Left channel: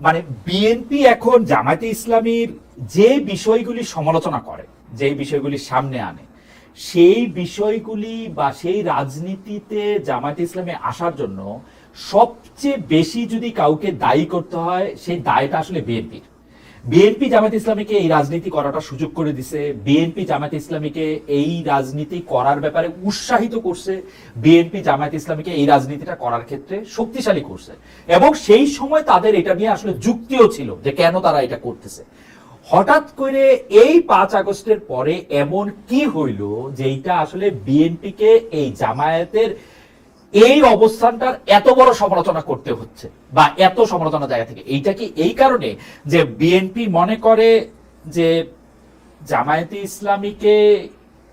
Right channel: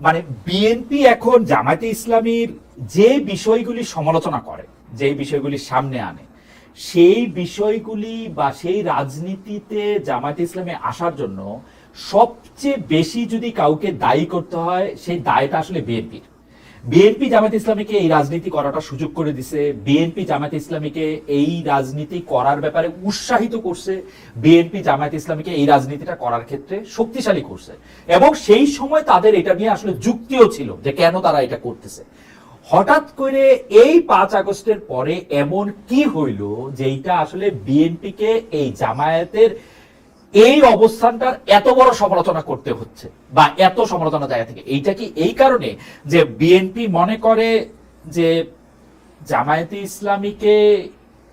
মানে বিএনপি এখন জামায়াতে ইসলামীর যে বিষয়গুলি সমালোচনা করে, যে বিষয়গুলি সামনে আনে, সেই বিষয়গুলি বা সেই রাজনীতিতে জামায়াতে ইসলামে আসার জন্য সবচেয়ে বেশি যদি কাউকে দায়ী করতে হয়, সেই দায়টা আসলে বিএনপির বিএনপি জামাত ইসলামীকে এই রাজনীতি করাটা সুযোগ করে দিছে। বিএনপি জামাত ইসলামীকে এই রাজনীতি করার ব্যাপারে উৎসাহিত করছে। বিএনপি জামাত ইসলামীকে এই রাজনীতিটা করার ক্ষেত্রে শক্তিশালী করছে। এবং সেই সময় তাদের এটা নিয়ে আসলে যুক্তিও ছিল যে কেন তারা এটা করতেছে। হঠাৎ করে এই পাঁচ আগস্টের পরে এমন কি হইল যেটা আসলে বিএনপিকে এই জামায়াতের এই অবস্থানটার এত বড় সমালোচনা করতে হচ্ছে বা এত সমালোচনা জায়গা থেকে। এইটা কি এই কারণে যে বিএনপি মনে করে যে জামায়াতে ইসলামীকে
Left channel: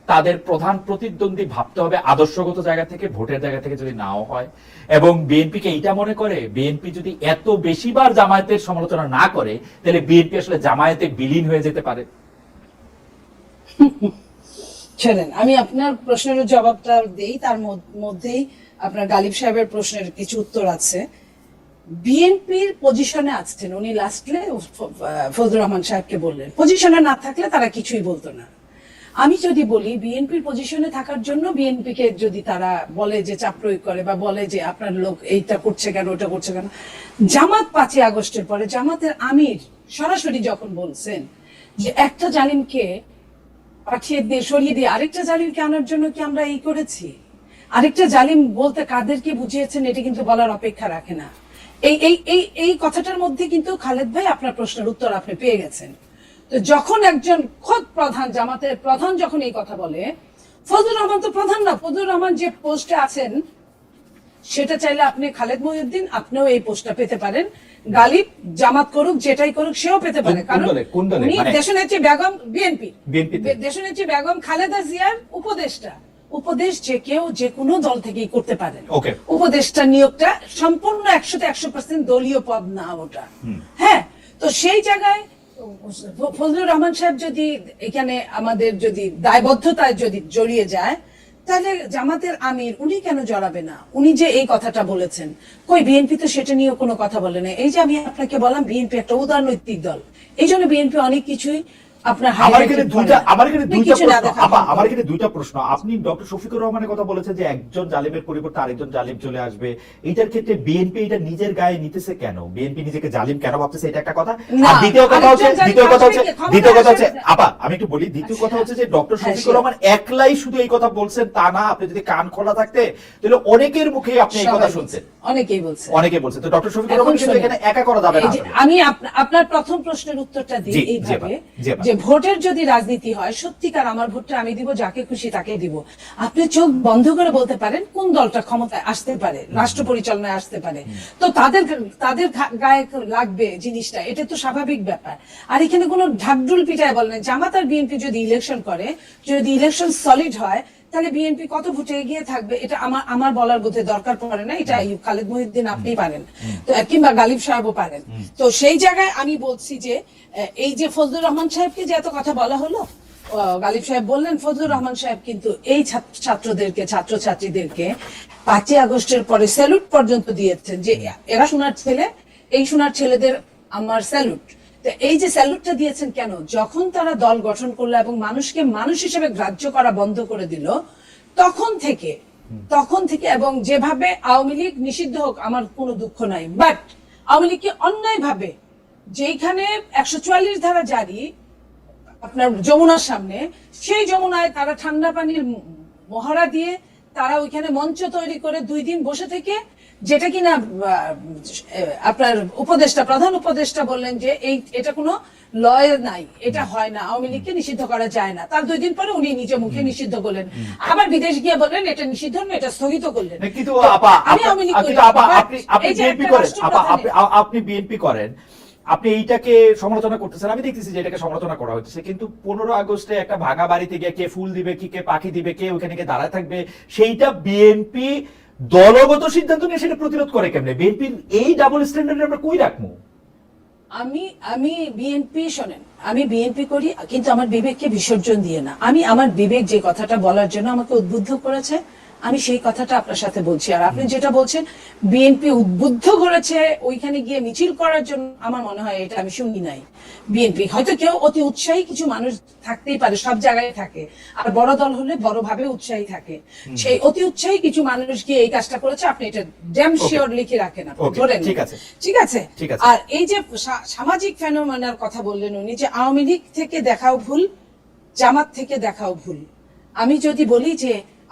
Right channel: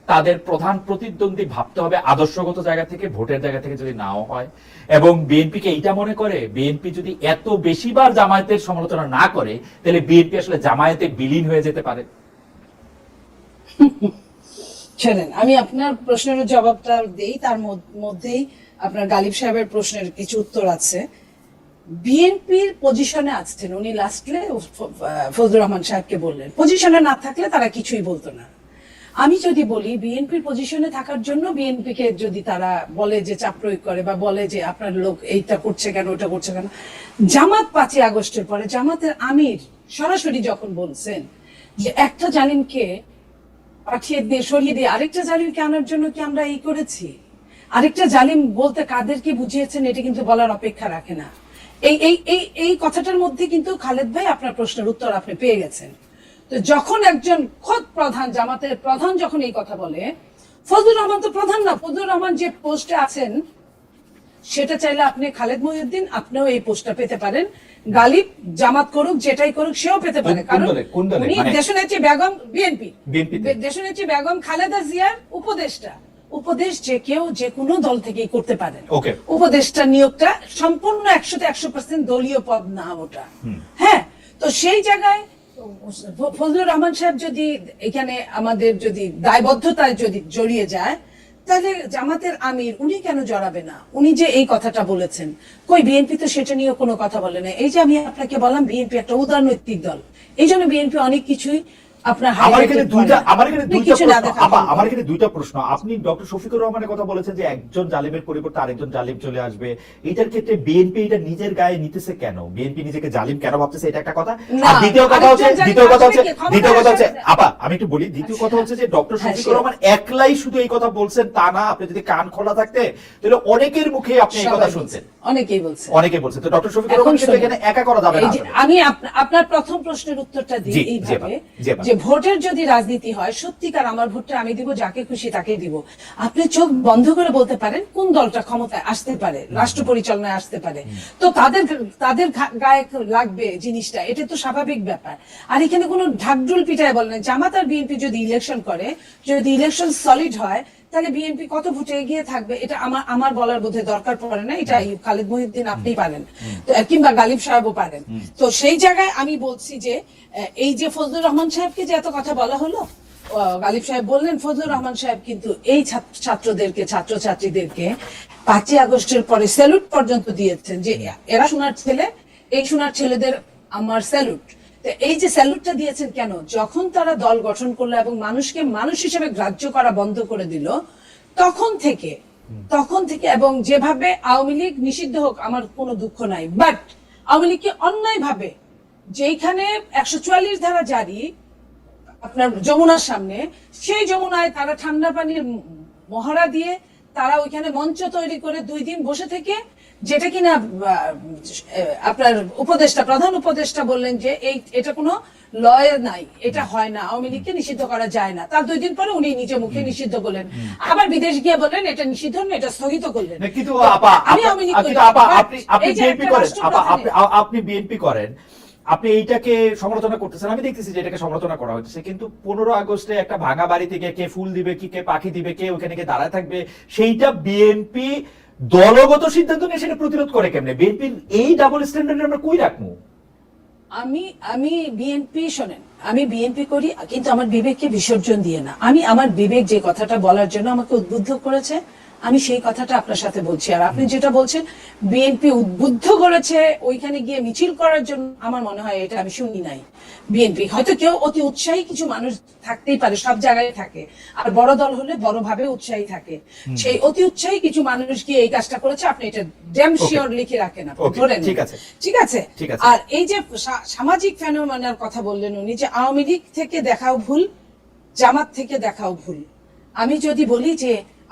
তাদের প্রধান প্রতিদ্বন্দ্বী ভাবতে হবে আদর্শগত জায়গা থেকে, ভোটের জায়গা থেকে যদি নাও হয়? এবং বিএনপিকে এইটা মনে করে, বিএনপি যদি এত বেশিবার জামায়াতের সমালোচনা না করে, তাহলে বিএনপি আসলে জামায়াতে বিলীন হয়ে যেতে পারে? আমি আপনার প্রশ্নের জবাবটা দেই, তার মধ্যেই আপনার গালিব সাহেবের প্রশ্নের কিছু উত্তর আছে। বিএনপির পজিশনে আছেন উনি লাস্টে ফজলুর রহমান সাহেবকে বললেন। পজিশনে না থাকলে তারা কিছুই বলতো না। আমি যদি বলি, বিএনপির পজিশনে থাকার জন্য বিএনপিকে যদি তারা বলে যে চাপ প্রয়োগ করে বা বলে যে আপনার লোক এইটা করছে কেন, ওটা করছে কেন, জামাত পাঁচই আগস্টের পরে জামাতের আমির সরাসরি যখন বলছেন যে একটা জালিমকে পাঠিয়ে দিয়ে, সরিয়ে দিয়ে আরেকটা জালিমকে আনার জন্য কি আমরা এই করেছি? আরেকটা জালিম বলতে কাদেরকে বুঝিয়েছেন এটা কিন্তু বলার অপেক্ষা রাখে না। এই এই এই এই কথাটার মধ্যে কিন্তু খালেদ ভাই আপনার প্রশ্নের উত্তর আপনি পেয়ে গেছেন। তো যখন একজন খোদ প্রধান জামাতের প্রধান যখন এই কথা বলে ফজলুর রহমান তো প্রধান না ফজলুর রহমান যে পোস্টে আছেন সেটা চাইলে আপনি খালেদ মহিউদ্দিন আপনিও এই পোস্টটা পেতে পারেন। গালিব জামাত করুক যেটাই করুক সেও পেতে পারে। কারণ উনি মানে- দেশনেত্রী বেগম বিএনপি? দেশনেত্রী বেগম খালেদা জিয়ার উপদেষ্টা। উপদেশ যে কেউ যে কোনো দল থেকেই করতে পারেন. উপদেষ্টা নিয়োগটা সম্পূর্ণ একশোতে একশো পার্সেন্ট দলীয় পদ না ওটা। হ্যাঁ তো সেই জায়গায় ফজলুর রহমান সাহেব যদি এখানে আমাদের যদি দায়বদ্ধতায় যদি জড়িয়ে যায় তাহলে জামাতের আমির উনি কেন জড়াবে না? উনি যে এই কথাটা বলেছেন। কই বিএনপি তো সেটা নিয়ে কোনো কথা বলে না এই যে আমি আপনাকে বললাম বিএনপি একটা উদারনৈতিক দল। এই জন্য বিএনপি অনেক কিছুই আমার এখানে দুইটা আমার এখানে দুইটা কিছু না প্রশ্ন। দেখা আপা, আমার এখানে দুইটা প্রশ্ন। আপনি ডক্টর শফিকুর রহমানের কথা বলেছেন যে একজন জালিমের পরিবর্তে আরেকজন জালিম চলে আসবে। এইটার ক্ষেত্রে বিএনপি এটা নিজের গায়ে নিতেছে কেন? বিএনপি নিজেকে জালিম কেন ভাবতেছে? এটা একটা কথা। আর দ্বিতীয় কথা হচ্ছে দ্বিতীয় কথা হচ্ছে আসবে কি? ক্ষমতায় দ্বিতীয় কথা হচ্ছে আপা আমি একটু বলি। দ্বিতীয় কথা হচ্ছে যে ডক্টর শফিকুর রহমান একলাই শুধু এই কথা বলছেন তা না। আপনি যদি কান খোলা থাকতে তাহলে অনেকের মুখে আপনি এই কথা শুনছেন। অনেকেই বলছে। অনেকে বলছে। তো ডক্টর শফিকুর রহমান কিন্তু এখানে একা করা যাবে না আমি আপনার প্রথম প্রশ্নের উত্তরটা দিই এইভাবে আপা। যে ভোটের যদি রাজনীতি হয় সত্যিকার আমার ভোটটা আমি দিব যাকে খুশি তাকেই দিব। আপনি চোখ বন্ধ করে বলতে পারেন কোন দলটা ক্ষমতায় আসতে পারে রাষ্ট্র পরিচালনায় আসতে পারে। তো তাদের তাদের গায়ে লাগবে জিনিসটা এটা তো স্বাভাবিক ব্যাপার। আর এখানে কোনো ঢাকডুল পিটায় বলে না জামাত আর বিএনপি যদি ইলেকশন করে যদি ইলেকশন সলিড হয় তাহলে বিএনপি কত ভোটে এগিয়ে থাকবে? এটা আমার আমার বলার বোধে দরকার পড়ে না। এটা খালেদ মহিউদ্দিন আপনিই পারেন। তো কিংবা গালিব সাহেবও পারেন। তো সেই জায়গায় আমি বলছি যে এই যে ফজলুর রহমান সাহেবকে যে এত কথা বলা হলো গালিব সাহেব বললেন ফজলুর রহমান সাহেব কিন্তু এই ছাত্র- ছাত্রদেরকে ছাত্রছাত্রীদেরকে পাঁচই আগস্টের পরে স্যালুট পর্যন্ত দিয়েছেন যে এরা সোনার ছেলে এই সোনার ছেলেদের আমার স্যালুট এই যে স্যালুটটা দিয়েছেন কেন? যখন তারা দল গঠন করল এবং মানুষকে মানুষ হিসেবে গ্রাহ্য করা বন্ধ করে দিল, তখন থেকে তখন থেকে এবং যেভাবে আওয়ামী লীগ নিষিদ্ধ হোক, আমার কোনো দুঃখ নাই। বাট আওয়ামী লীগকে অন্যায় ভাবে যেইখানে একশো চুয়াল্লিশ ধারা জারি, আপনার যমুনার সামনে, সেই যমুনায় তারা ঠান্ডা পানির মহড়া দিয়ে তারা ওইখানে মঞ্চ তৈরি করে দুই দিন বসে থেকে যেটা কিনা আপনার উপদেষ্টা প্রধান উপদেষ্টা বললেন যে এই এটা কোনো লয় নাই এটা হয় না আওয়ামী লীগকে নিষিদ্ধ করা যায় না। তার দুই দিন পরে উনি নিজে মুখে নিষিদ্ধ করলেন। আবার বিদেশ গিয়ে বললেন এটা নিষিদ্ধ না এটা স্থগিত করলেন। কিন্তু আপা আমি আপনি- বিএনপি করেন। আপা আপনি বিএনপি করেন। আপনি এইটাকে সমালোচনা করতেছেন, আমি দেখতেছি যে এটাকে সমালোচনা করা হচ্ছে। কিন্তু পনেরো আগস্টে একটা ভাঙা বাড়িতে গিয়ে কে ফুল দিবে, কি কে পাখি দিবে, কে ওখানে গিয়ে দাঁড়ায় থাকবে, সেইটা বিএনপি দলগত সিদ্ধান্ত নিয়ে সেটা প্রতিরোধ করে কেমনে? বিএনপি এই ডাবল স্ট্যান্ডার্ড আমরা কই রাখব? আমি আমি বিএনপি শোনেন, আমি বিএনপি করি, কিন্তু আমার বিবেককে বিসর্জন দিয়ে না। আমি আমার বিবেক যে কথাটা বলার জন্য আমাকে উদ্বুদ্ধ করেছে আমি সেই কথাটা আপনার সাথে বলছি। আর আপনি যেটা বলছেন বিএনপি উদ্বুদ্ধ করেছে ওইখানে গিয়ে মিছিল করার জন্য আমার মনে হয় এটা আমি শুনি নাই। বিএনপি হয়তো কেউ অতি উৎসাহী কিছু মানুষ থাকতেই পারে সব জায়গায় থাকে। আর বড় দল হলে বড় ভাবে উৎসাহী থাকে। সেই অতি উৎসাহী কিছু মানুষ গিয়ে এই কাজটা করেছে? আপনি এটা ড্যাম শিওর লিখে রাখেন ধরে ঠিক আছে। ঠিক আছে? আর এই যে সামাজিক ফেনোমেনার কথা বললেন উনি যে আওয়ামী লীগ থেকে দেখাও ভুল জামাত থেকে দেখাও ভুল। আমি যদি বলি যে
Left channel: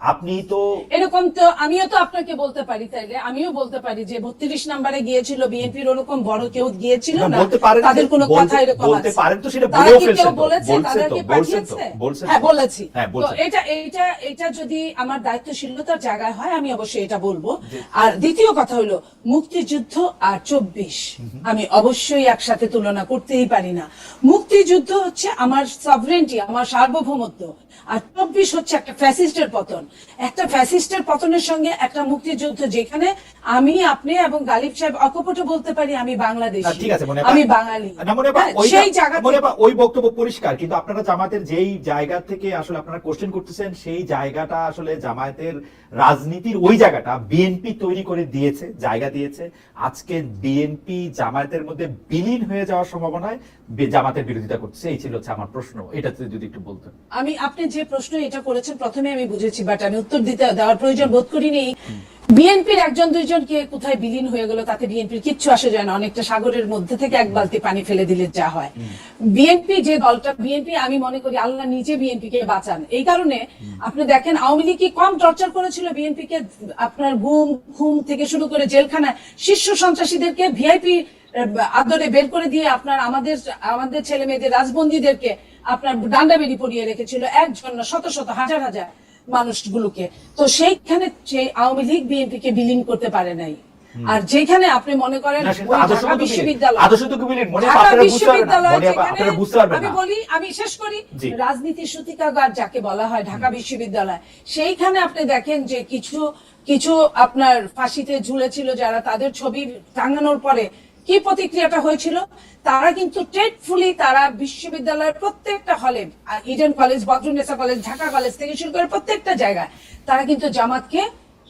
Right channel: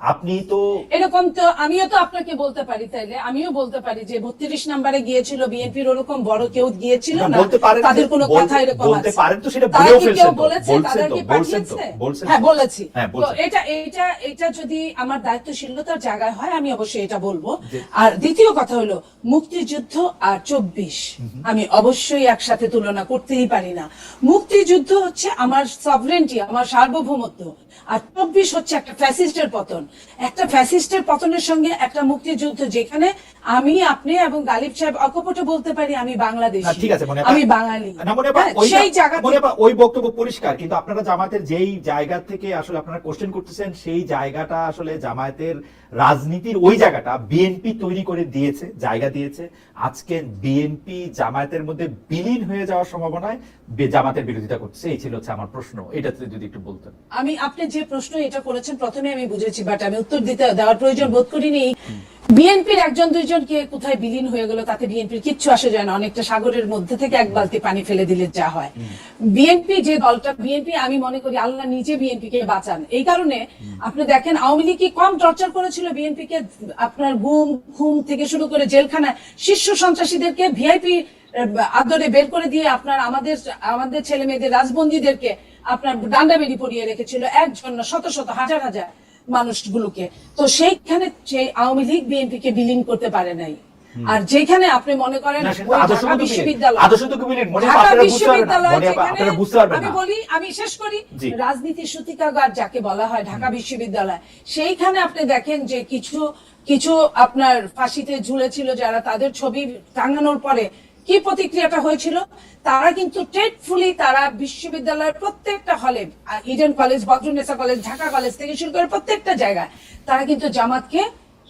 আপনি তো এরকম তো আমিও তো আপনাকে বলতে পারি তাইলে আমিও বলতে পারি যে বত্রিশ নাম্বারে গিয়েছিল বিএনপির ওরকম বড় কেউ গিয়েছিল না, না তাদের কোনো কথা এরকম বলতে। পারেন তো সেটা বলেও ফেলছেন বলেছে? বলছেন তারা তো, কি বলছেন তো, পাঠিয়েছে? হ্যাঁ বলেছি। হ্যাঁ, তো এটা এটা এটা যদি আমার দায়িত্বশীলতার জায়গায় হয় আমি অবশ্যই এটা বলব। আর দ্বিতীয় কথা হলো মুক্তিযুদ্ধ আর চব্বিশ আমি অবশ্যই একসাথে তুলনা করতেই পারি না। মুক্তিযুদ্ধ হচ্ছে আমার সভরেন্টি আমার সার্বভৌমত্ব। আর চব্বিশ হচ্ছে একটা ফ্যাসিস্টের পতন। একটা ফ্যাসিস্টের পতনের সঙ্গে একটা মুক্তিযুদ্ধ যেখানে আমি আপনি এবং গালিব সাহেব অকপটে বলতে পারি আমি বাংলাদেশি। ঠিক আছে আমি বাঙালি। হ্যাঁ, সেই জায়গা ওই বক্তব্য পরিষ্কার কিন্তু আপনারা জামাতের যেই জায়গা থেকে আসলে আপনারা কোশ্চেন করতেছেন সেই জায়গাটা আসলে জামায়াতের রাজনীতির ওই জায়গাটা বিএনপি তৈরি করে দিয়েছে জায়গা দিয়েছে। আজকে বিএনপি জামায়াতের মধ্যে বিলীন হয়ে যাওয়ার সম্ভাবনায় জামাতের বিরোধিতা করছে এই ছিল হচ্ছে আমার প্রশ্ন। এটা যদি একটু বলতেন। আমি আপনি যে প্রশ্ন এটা করেছেন প্রথমে আমি বুঝেছি বাট আমি উত্তর দিতে দেওয়ার প্রয়োজন বোধ করিনি। বিএনপির একজন দুইজন কে কোথায় বিলীন হয়ে গেল তাতে বিএনপির কিচ্ছু আসে যায় না। অনেকটা সাগরের মধ্যে থেকে এক বালতি পানি ফেলে দিলে যা হয়। বিএনপি যে দলটা বিএনপি আমি মনে করি আল্লাহ নিজে বিএনপি কে বাঁচান। এই কারণে আপনি দেখেন আওয়ামী লীগ কি কম টর্চার করেছিল বিএনপি কে আপনার গুম খুম থেকে শুরু করে জেলখানায় শীর্ষ সন্ত্রাসীদেরকে ভিআইপি আদরে বের করে দিয়ে আপনার আমাদের আমাদের ছেলে মেয়েদের রাজবন্দীদেরকে আপনার ডান্ডা বেরি পরিয়ে রেখেছিল একজন না, শত শত হাজার হাজার মানুষগুলোকে। তো সেইখানে সেই আওয়ামী লীগ বিএনপি কে বিলীন করতে পারে নাই। আর যেখানে আপনি মনে করেন ঢাকা বিশ্ববিদ্যালয় ঢাকা যেখানে- আমি বলি আমি শেষ করি। রাজনীতির সূতিকাগার যাকে বলা হয় ঢাকা বিশ্ববিদ্যালয় সেইখানে আপনি দেখেন যে কিছু কিছু আপনার ফাঁসিতে ঝুলেছিল যারা তাদের ছবি টাঙানোর পরে কি প্রতিক্রিয়াটা হয়েছিল? তারা কিন্তু ট্রেডফুলি তারা বিশ্ববিদ্যালয়ের প্রত্যেকটা হলে Eden college Badrunnesa college Dhaka college থেকে শুরু করে প্রত্যেকটা জায়গায় তারা কিন্তু জামাতকে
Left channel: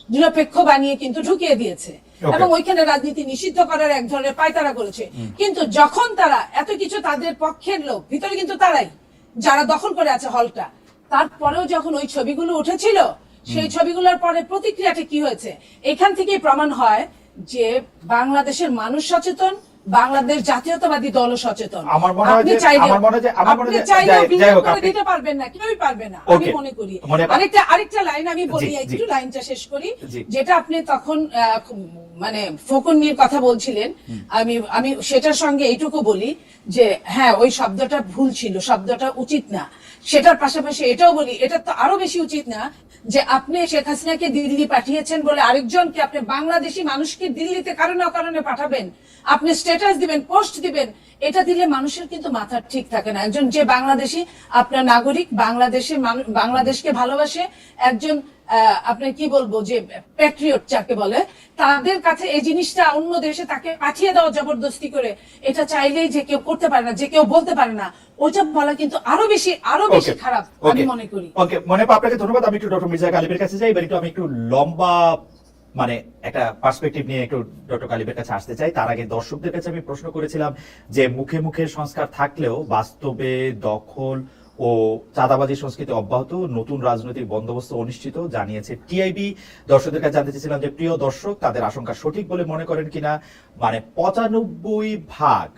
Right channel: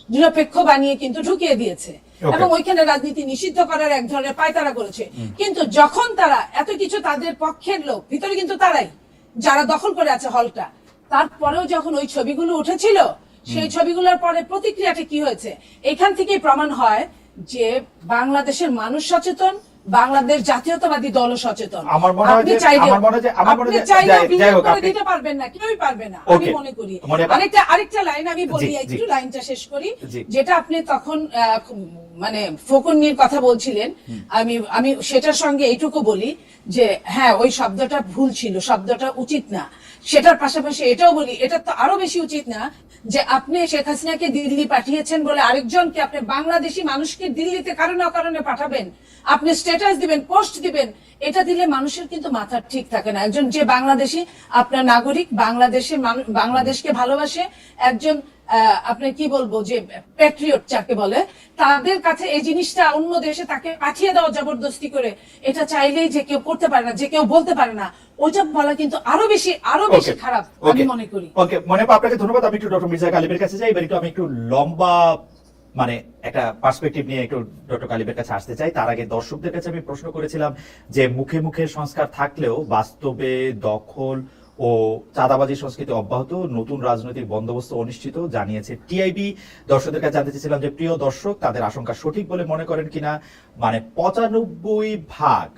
নিরপেক্ষ বানিয়ে কিন্তু ঢুকিয়ে দিয়েছে। এবং ওইখানে রাজনীতি নিষিদ্ধ করার এক ধরনের পায়তারা করেছে। কিন্তু যখন তারা এত কিছু তাদের পক্ষের লোক ভিতরে কিন্তু তারাই যারা দখল করে আছে হলটা তারপরেও যখন ওই ছবিগুলো উঠেছিল সেই ছবিগুলোর পরে প্রতিক্রিয়াটা কি হয়েছে? এখান থেকেই প্রমাণ হয় যে বাংলাদেশের মানুষ সচেতন বাংলাদেশ জাতীয়তাবাদী দল সচেতন। আমার মনে হয় আমার মনে হয় আমার মনে হয় যাই- হোক, আপনি- দিতে পারবেন না কেউই পারবে না আমি মনে করি। আরেকটা আরেকটা লাইন আমি বলি। একটু লাইনটা শেষ করি যেটা আপনি তখন মানে ফকুন্নির কথা বলছিলেন। আমি আমি সেটার সঙ্গে এইটুকু বলি যে হ্যাঁ ওই শব্দটা ভুল ছিল শব্দটা উচিত না। সেটার পাশাপাশি এটাও বলি, এটা তো আরও বেশি উচিত না যে আপনি শেখ হাসিনাকে দিল্লি পাঠিয়েছেন বলে আরেকজনকে আপনি বাংলাদেশি মানুষকে দিল্লিতে কারণে অকারণে পাঠাবেন। আপনি স্ট্যাটাস দিবেন পোস্ট দিবেন, এটা দিলে মানুষের কিন্তু মাথা ঠিক থাকে না। একজন যে বাংলাদেশি, আপনার নাগরিক বাংলাদেশে বাংলাদেশকে ভালোবাসে, একজন আপনার কি বলব যে প্যাট্রিয়ট যাকে বলে, তাদের কাছে এই জিনিসটা অন্য দেশে তাকে পাঠিয়ে দেওয়া জবরদস্তি করে, এটা চাইলেই যে কেউ করতে পারে না, যে কেউ বলতে পারে না। ওইটা বলা কিন্তু আরও বেশি আরও বেশি খারাপ আমি মনে করি। ওকে মনে পা আপনাকে ধন্যবাদ। আমি একটু ডক্টর মির্জা গালিবের কাছে যাই এবার একটু আমি একটু লম্বা মানে একটা পার্সপেক্টিভ নিয়ে একটু ডক্টর গালিবের কাছে আসতে চাই। তার আগে দর্শকদের কাছে আমি প্রশ্ন করেছিলাম যে মুখে মুখে সংস্কার থাকলেও বাস্তবে দখল ও চাঁদাবাজি সংস্কৃতি অব্যাহত নতুন রাজনৈতিক বন্দোবস্ত অনিশ্চিত জানিয়েছে টিআইবি দর্শকদের কাছে জানতে চেয়েছিলাম যে প্রিয় দর্শক তাদের আশঙ্কা সঠিক বলে মনে করেন কিনা? মানে পঁচানব্বই ভাগ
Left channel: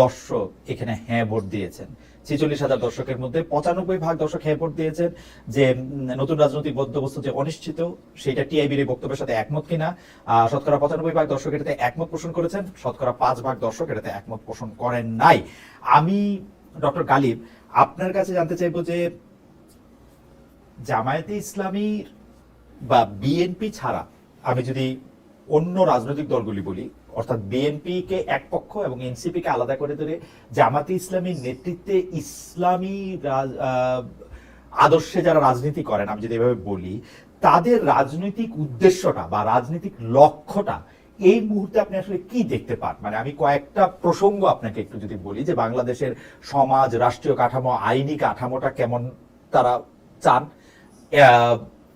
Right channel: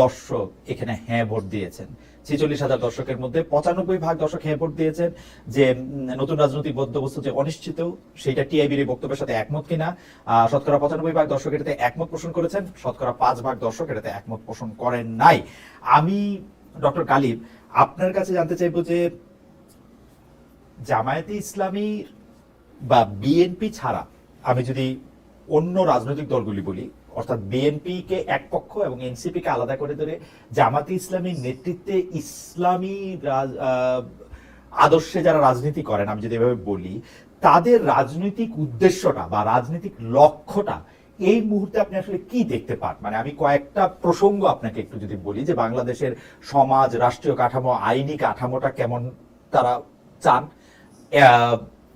দর্শক এখানে হ্যাঁ ভোট দিয়েছেন। ছেচল্লিশ হাজার দর্শকের মধ্যে পঁচানব্বই ভাগ দর্শক হ্যাঁ ভোট দিয়েছেন। যে নতুন রাজনৈতিক বন্দোবস্ত যে অনিশ্চিত, সেটা টিআইবির এই বক্তব্যের সাথে একমত কিনা। শতকরা পঁচানব্বই ভাগ দর্শক এটাতে একমত পোষণ করেছেন, শতকরা পাঁচ ভাগ দর্শক এটাতে একমত পোষণ করেন নাই। আমি, ডক্টর গালিব, আপনার কাছে জানতে চাইব যে, জামায়াতে ইসলামীর বা বিএনপি ছাড়া আমি যদি অন্য রাজনৈতিক দলগুলি বলি অর্থাৎ বিএনপি কে এক পক্ষ এবং এনসিপি কে আলাদা করে ধরে জামাতে ইসলামীর নেতৃত্বে ইসলামী আদর্শে যারা রাজনীতি করেন, আমি যদি এভাবে বলি, তাদের রাজনৈতিক উদ্দেশ্যটা বা রাজনৈতিক লক্ষ্যটা এই মুহূর্তে আপনি আসলে কি দেখতে পান? মানে আমি কয়েকটা প্রসঙ্গ আপনাকে একটু যদি বলি যে বাংলাদেশের সমাজ, রাষ্ট্রীয় কাঠামো, আইনি কাঠামোটা কেমন তারা চান?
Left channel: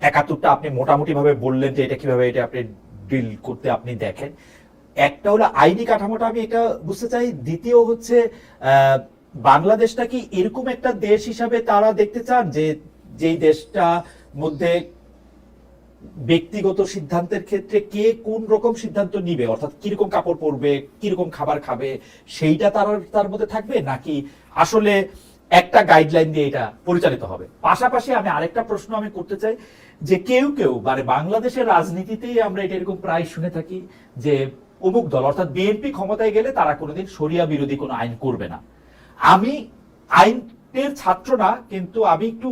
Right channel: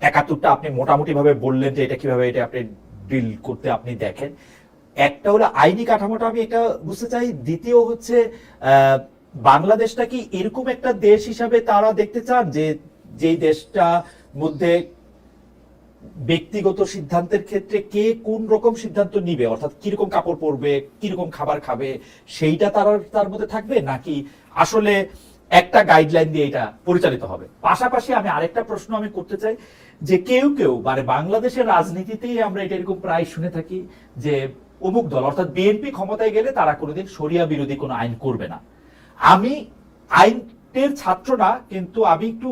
একাত্তরটা আপনি মোটামুটি ভাবে বললেন যে এটা কীভাবে এটা আপনি ডিল করতে আপনি দেখেন। একটা হলো আইনি কাঠামোটা আমি এটা বুঝতে চাই, দ্বিতীয় হচ্ছে বাংলাদেশটা কি এরকম একটা দেশ হিসাবে তারা দেখতে চান যে যেই দেশটা মধ্যে ব্যক্তিগত সিদ্ধান্তের ক্ষেত্রে কে কোন রকম সিদ্ধান্ত নিবে? অর্থাৎ কীরকম কাপড় পরবে, কীরকম খাবার খাবে, সেইটা তার তার মধ্যে থাকবে? নাকি আসলে একটা গাইডলাইন দিয়ে এটা পরিচালিত হবে? পাশাপাশি আমি আরেকটা প্রশ্ন আমি করতে চাই, যে কেউ কেউ মানে বাংলাদেশের রাজনীতিতেই আমরা এটা এরকম প্রায় শুনে থাকি যে অমুক দল, অর্থাৎ বিএনপি ক্ষমতায় গেলে তারা কোনোদিন সরিয়া বিরোধী কোনো আইন করবে না। আমি আইনের ছাত্র না, কিন্তু আমি একটু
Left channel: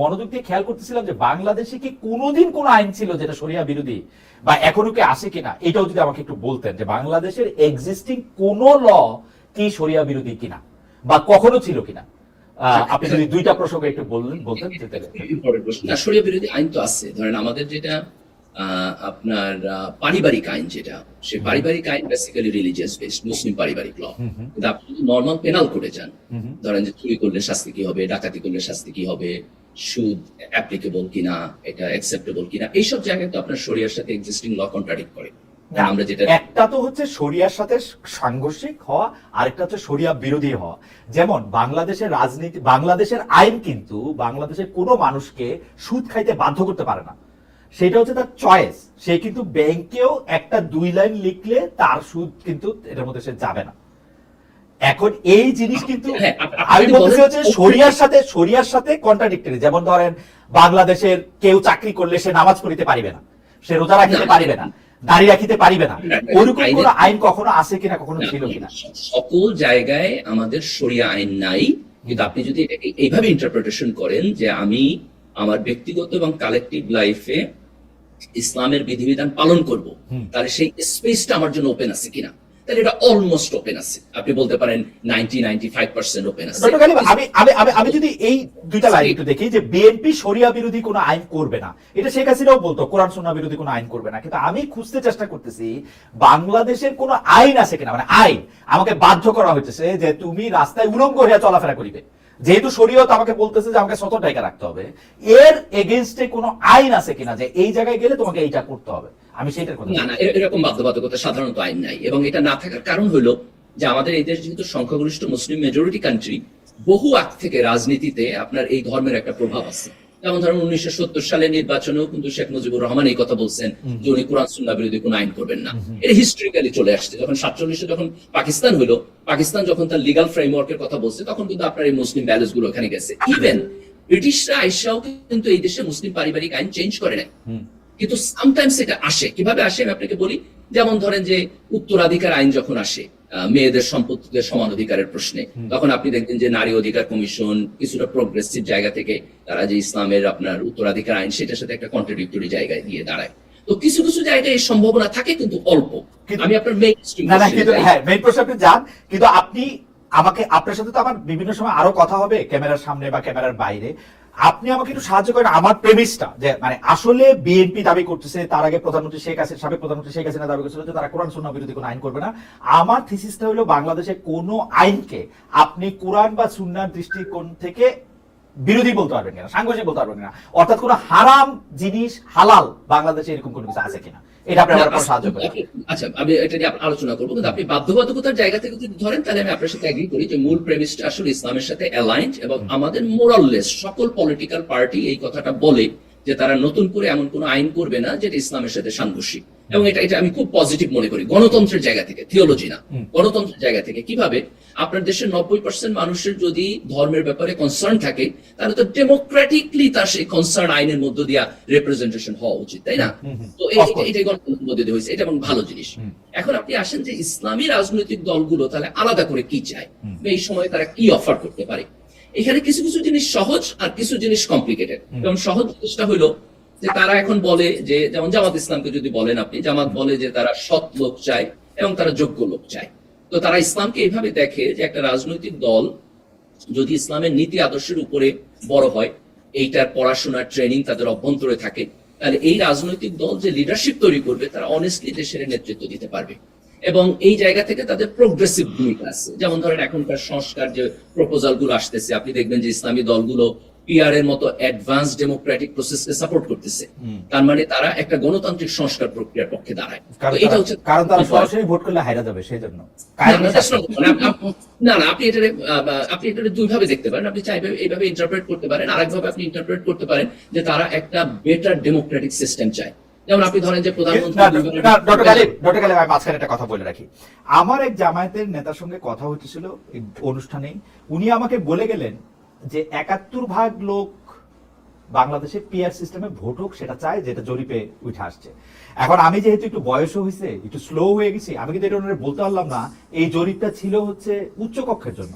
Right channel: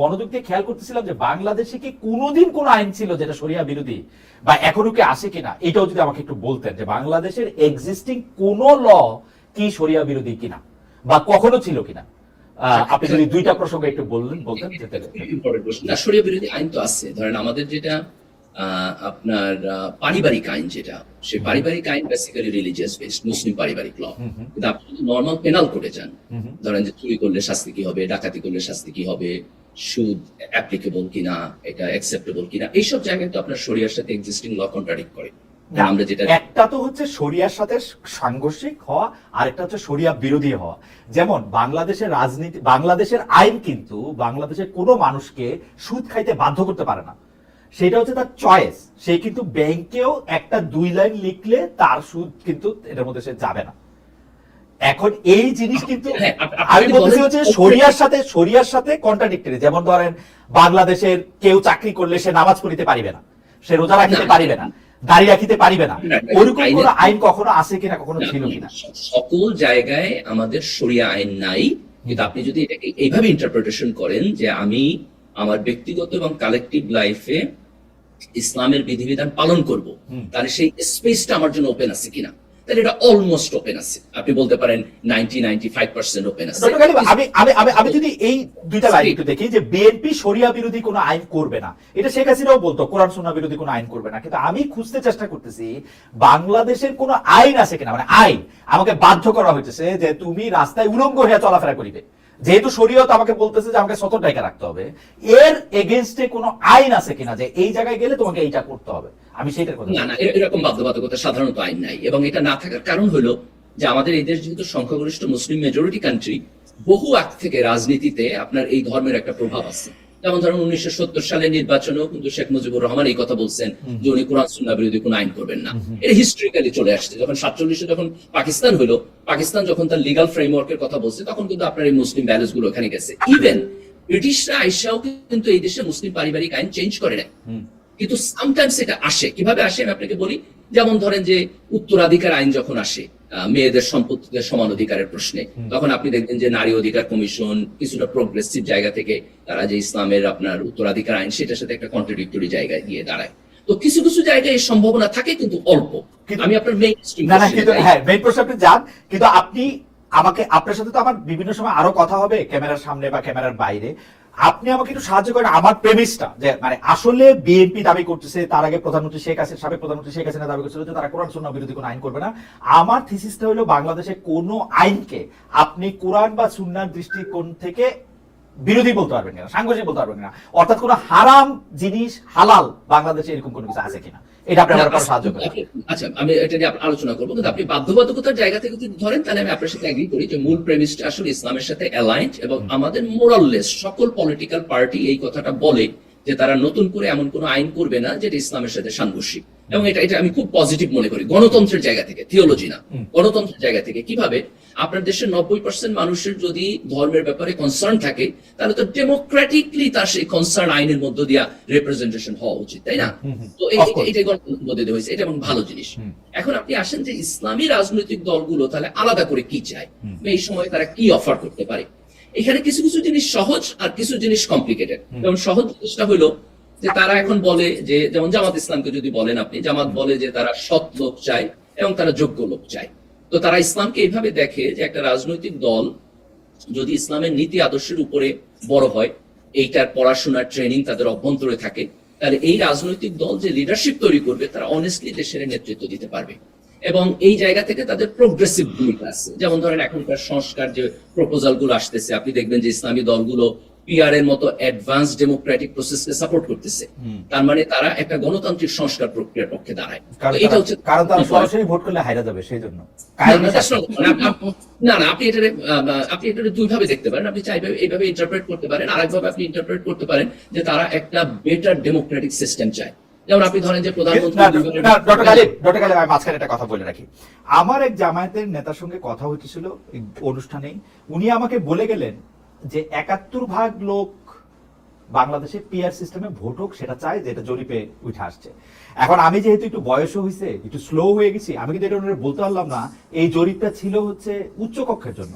মনোযোগ দিয়ে খেয়াল করতেছিলাম যে বাংলাদেশে কি কোনোদিন কোন আইন ছিল যেটা সরিয়া বিরোধী বা এখনও কি আসে কিনা? এটাও যদি আমাকে একটু বলতেন যে বাংলাদেশের এক্সিস্টিং কোন ল কি সরিয়া বিরোধী কিনা বা কখনো ছিল কিনা? আপনি যদি দুইটা প্রসঙ্গ একটু বললেন, বলতেন প্রশ্ন বিরোধী আইন তো আছে। ধরেন আমাদের যেটা আপনার পারিবারিক আইন যেটা সে পারিবারিক আইন বেসিক্যালি রিলিজিয়াস বেসড মুসলিম পারিবারিক ল কিন্তু আপনি নর্মাল পেনাল করে যান। ধরেন যে চুরি করলে শাস্তি কি হবে ডাকাতি করলে শাস্তি কি হবে সুদ অ্যাপ্লিকেবল কিনা এটা অ্যাকসেপ্টেবল কিনা এইসব জায়গায় তো আপনার শরিয়ার সাথে এক্সিস্টিং ল কন্ট্রাডিক্ট করে। আমরা যেটা একটা তো হচ্ছে শরিয়ার সাথে সাংঘর্ষিক হওয়া আরেকটা হচ্ছে শরিয়া বিরোধী হওয়া। যেমন বাংলাদেশের রাজনীতি বাংলাদেশের আইন কিন্তু বাংলাদেশের কোনো মানুষকে সুদ খাইতে বাধ্য করতে পারে না। সেটা হচ্ছে তার চয়েস সে কিন্তু ব্যাংকেও একটা দুই লাইন লিখলে তার সুদ কিন্তু এটার মধ্যে সে যাবে না। এখন এই জিনিস কিন্তু হ্যাঁ, আমি যদি বলতেছি হচ্ছে শরিয়ার সাথে শরিয়ার সাথে কন্ট্রাডিক্টরি যেমন ধরেন বাংলাদেশের কেউ চাকরি করলে সে নামাজ পড়িতে পারিবে না। সে রোজা রাখিতে। পারিবে না। দাড়ি রাখিতে পারিবে না, ওরকম কোন আইন কখনো আছে কিনা কখনো ছিল কিনা? সকল জায়গায় আমাদের শরিয়া আইন নাই। কিন্তু আপনি যদি এটাকে এইভাবে ইন্টারপ্রিটেশন করেন যে আমি আমার ব্যক্তিগত এবং কালেকটিভ লাইফে ইসলামের বিধিবিধান পালন করব তাহলে সেই স্পেসটা আমার জন্য ওপেন আছে কিনা? তাহলে এটা অলমোস্ট ওপেন আছে। আপনি বলতে পারেন ninety ninety five percent open আছে আমি আমি আমি যদি এই দুইটা লাইন একটু দেখি যে বিএনপি শরিয়া বিরোধী কোনো আইন করবে না এটা শেখ হাসিনাও বলতো কোরআন সুন্নাহ বিরোধী কোনো আইন করবে না। কিন্তু আমি খুঁজতে চেষ্টা করতেছি বাংলাদেশের কোনো আইন আছে কিনা? মানে আইন আমাকে বাধ্য করা হইতেছে যে তুমি রাস্তায় উলঙ্গ হয়ে চলাফেরা করিবে। যেহেতু শরীয়ত আমাকে বলতেছে যে আমাকে সতর টাকা রাখতে হবে এর এগেনস্টে কোনো আইন আছে কিনা যে এই জায়গায় গেলে তোমাকে এইটা করতে হবে? আমি সেইটার কথা না না এরকম বাধ্যবাধকতা সাধারণত আইন নাই এবং এটা না থাকার কারণ হলো যে আমাদের এই দেশ যেহেতু সংখ্যাগরিষ্ঠ মুসলিম মেজরিটি কান্ট্রি বহু আগ থেকে রাজনীতিতে আপনার এই ধর্মের একটা প্রভাব আছে। যেমন ধরেন উনিশশো সালে নির্বাচনেও কিন্তু শেখ মুজিবুর রহমান এই কথা বলছেন যে উনি কোরআন সুন্নাহ বিরোধী কোনো আইন করবেন না। এটা হিস্ট্রিক্যালি চলে আসছে। যখন সাতচল্লিশে যখন পাকিস্তান হলো পাকিস্তান যখন তার লিগাল ফ্রেমওয়ার্কের কথা বলছে তখন কিন্তু আপনার এই মুসলিম ব্যালেন্সগুলো এখানে গেছে। ইভেন ব্রিটিশরা আইসাও কিন্তু এই দেশে মুসলিম পারিবারিক আইন চেঞ্জ করে নেয় কিন্তু সামটাইমস এটা আসে। কীভাবে আসে আমি আপনাকে বলি? যেমন ধরেন যে উত্তরাধিকার আইন যখন আসে মেয়েদের সম্পত্তিতে সমান অধিকারের প্রশ্নে। তখন আপনি দেখবেন যে নারী অধিকার কমিশন কিছুটা প্রোগ্রেসিভ জায়গা থেকে তারা যে ইসলামের আপনার উত্তরাধিকার আইন সেটার সাথে একটা কন্ট্রাডিক্টরি জায়গায় গিয়ে দাঁড়ায়। তো কিছু কিছু জায়গায় এই সম্ভাবনা থাকে কিন্তু অল্প। কিন্তু- আমি আপনার মেইন হ্যাঁ মেইন প্রশ্ন আপনি যান কিন্তু আপনি আমাকে আপনার সাথে তো আমার বিভিন্ন সময় আরও কথা হবে ক্যামেরার সামনে বা ক্যামেরার বাইরে। আপনি আমাকে একটু সাহায্য করেন, আমার প্রেমিসটা যে মানে আসলে বিএনপি দাবি করতেছে, তার আগে প্রধানমন্ত্রী শেখ হাসিনা, সাবেক প্রধানমন্ত্রী শেখ হাসিনা দাবি করছিল যে তারা কোরআন সুন্নাহ বিরোধী কোনো আইন করবে না। আমার থিসিসটা হলো বাংলাদেশে কোনো আইনকে আপনি কোরআন বা সুন্নার দৃষ্টিকোণ থেকে বিরোধী বলতে পারবেন কিনা সাংঘর্ষিক বলতে পারবেন কিনা। অর্থাৎ কোনো হারাম জিনিস হালাল বাংলাদেশে এরকম কোনো কিছু আছে কিনা? এটা আপনি আমার সাহায্য করেন আচ্ছা আমি এটা নিয়ে আলোচনা করব। কিন্তু আপনি বাধ্যবাধকতার জায়গা থেকে যদি ধরেন তাহলে আমি আপনার সাথে এগ্রি করি যে মূল প্রেমিসটা আসলে ইসলামের সাথে অ্যালাইন্ড এবং আমাদের মোরাললেস সকল পলিটিক্যাল পার্টি এই কথাটা বলে যে তারা নতুন করে এমন কোনো আইন করবে না যেটা ইসলামের সাথে সাংঘর্ষিক। এবং এটা এটা আমি খুব পজিটিভ মনে করি। গণতন্ত্রের জায়গা থেকে থিওলজি না। গণতন্ত্রের জায়গা থেকে কীভাবে আপনার দেশের নব্বই পার্সেন্ট মানুষের যদি ধর্মের ব্যাপারে কনসার্ন থাকে তাহলে তো ডেমোক্রেটিকলি তার সেই কনসার্ন আইনের মধ্য দিয়া রিপ্রেজেন্টেশন হওয়া উচিত তাই না। তো এটা- এটাই গণতন্ত্রের মধ্যে দিয়ে হয়েছে। এটা এবং ভালো জিনিস। এখন আপনি আসেন যে ইসলামী রাজনৈতিক দলগুলো তাহলে আলাদা করে কি চায়? এই সময় তারা কি অফার করতে পারে? এখানে কিছু কিছু জিনিস সহজ আর কিছু জিনিস কমপ্লিকেটেড যেমন সহজ জিনিসটা হলো যে তারা এখন বলে যে যেমন জামাত ইসলামকে যদি বলেন আপনি জামাত বলে যে তারা সৎ লোক চায় এবং তারা যোগ্য লোক চায়। তো তারা ইসলামকে এইভাবে দেখে যে একটা রাজনৈতিক দল যদি ইসলামের নীতি আদর্শের উপরে বড় হয় এইটার পড়াশোনার ট্রেনিং তাদের অভ্যন্তরে থাকে তাহলে এই রাজনৈতিক দল যে লিডারশিপ তৈরি করবে তারা অনেস্টলি দেশের নেতৃত্ব দিতে পারবে। এবং এই জায়গা থেকে তাদের প্রোগ্রেসিভ ভূমিকা আছে। যেমন ধরেন এখনকার সংস্কার যে প্রপোজালগুলো আসতেছে আপনি দেখবেন যে ইসলামী দলগুলো পিআর এর মতো অ্যাডভান্স ডেমোক্রেটিক প্রসেসকে সাপোর্ট করতেছে। তার মানে তারা একটা গণতান্ত্রিক সংস্কার প্রক্রিয়ার পক্ষে দাঁড়ায়। এটা হচ্ছে কারণ তারা সরাসরি ভোট করলে হাইরা যাবে সেই জন্য। না, না, আপনি বা, আপনি এটারে দুইভাবে দেখতে পারেন। আপনি চাইবে এইভাবে ইন্টারপ্রেট করতে পারেন আর একভাবে আপনি ইন্টারপ্রেট করতে পারেন যে তারা একটা বেটার ডেমোক্রেটিক সিস্টেম চায়। যেমন আপনি ধরেন যে প্রধানমন্ত্রী একটা কথা বলে রাখি। আমার এক জামায়াতের নেতার সঙ্গে কথা হচ্ছিল অনুষ্ঠানে। উনি আমাকে বলে গেলেন যে একাত্তর ভাগ লোক বাংলাদেশে পিআর সিস্টেমে ভোট হোক সেটা চায় যেটা জরিপে উঠে আসছে। এখন আমি যেহেতু একটু বয়সও হয়েছে একটু স্লো হয়ে গেছি আমি কিন্তু এটা বলতে পারলাম না। এই জরিপটা ছিল হচ্ছে উচ্চ কক্ষের জন্য।